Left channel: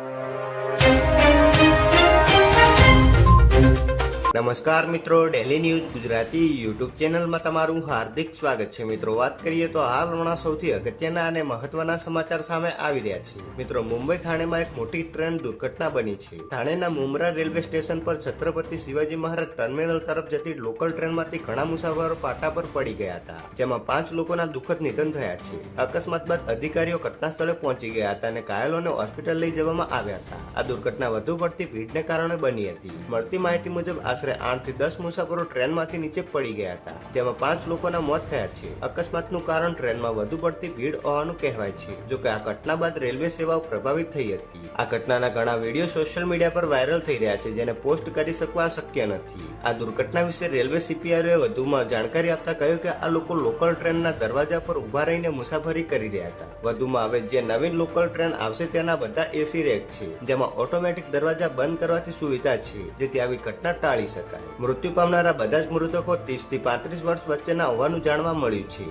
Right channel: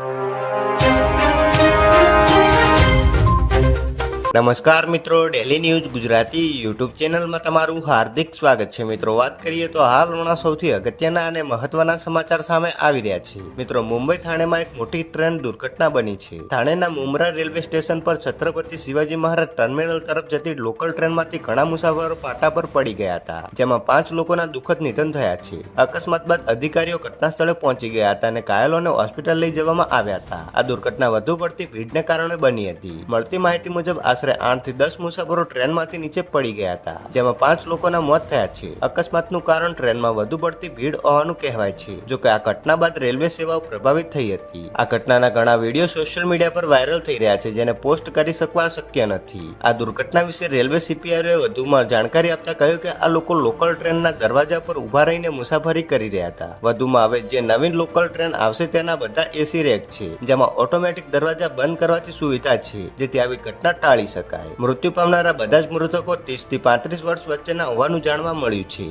you. નમસ્કાર મિત્રો daily news Gujarati YouTube ચેનલમાં તમારું હાર્દિક સ્વાગત છે. મિત્રો, વાત કરીએ તો હાલના સૌથી અગત્યના અને મહત્વના સમાચાર સામે આવી રહ્યા છે. મિત્રો, મુંબઈ થાણેમાં એક મોટી ટ્રેન દુર્ઘટના બની છે. થાણેના મુમરા રેલવે સ્ટેશન પર છત્રપતિ શિવાજી મહારાજ ટર્મિનલ તરફ જતી લોકલ ટ્રેનમાંથી ઘણા મુસાફરો પાટા પર પડી ગયા હતા, જેમાં પાંચ લોકોના દુઃખદ નિધન થયા છે. અકસ્માત બાદ અધિકારીઓ ઘટના સ્થળે પહોંચી ગયા હતા અને ઘાયલોને હોસ્પિટલ લઈ જવામાં આવ્યા હતા. આ દુર્ઘટના વધુ પડતી ભીડને કારણે બની હતી. મળતી માહિતી મુજબ આશરે આઠથી દસ મુસાફરો ટ્રેનમાંથી નીચે પડી ગયા હતા, જેમાં પાંચ લોકોના મોત થયા છે. અકસ્માતનું કારણ ટ્રેનમાં વધુ પડતી ભીડ હોવાનું કહેવાય છે, જો કે આ ઘટના બાદ રેલવે સેવાઓ પ્રભાવિત થઈ હતી. આ ઘટનાના ઘણા વીડિયો સોશિયલ મીડિયા પર વાયરલ થઈ રહ્યા છે, જેને પોસ્ટ કરી શકવા શક્ય નથી. આ દુર્ઘટના વિશે રેલવે સીપીઆરએ વધુમાં જાણકારી આપતા કહ્યું કે આ લોકો લોકલ ટ્રેનના દરવાજા પર ઊભા રહીને મુસાફરી કરી રહ્યા હતા. વધુમાં હવે જે નવીન લોકલ ટ્રેન આવશે તેના બધા એસી રેક છે, જેમાં ઓટોમેટિક દરવાજા બંધ કરવાથી સુવિધા છે, જેથી આવી ઘટના ટાળી શકાય. મૃત્યુ પામનારા બધા જ મૃતકો ત્રીસથી પાંત્રીસ વર્ષ વચ્ચેના હોવાનું જાણવા મળ્યું છે.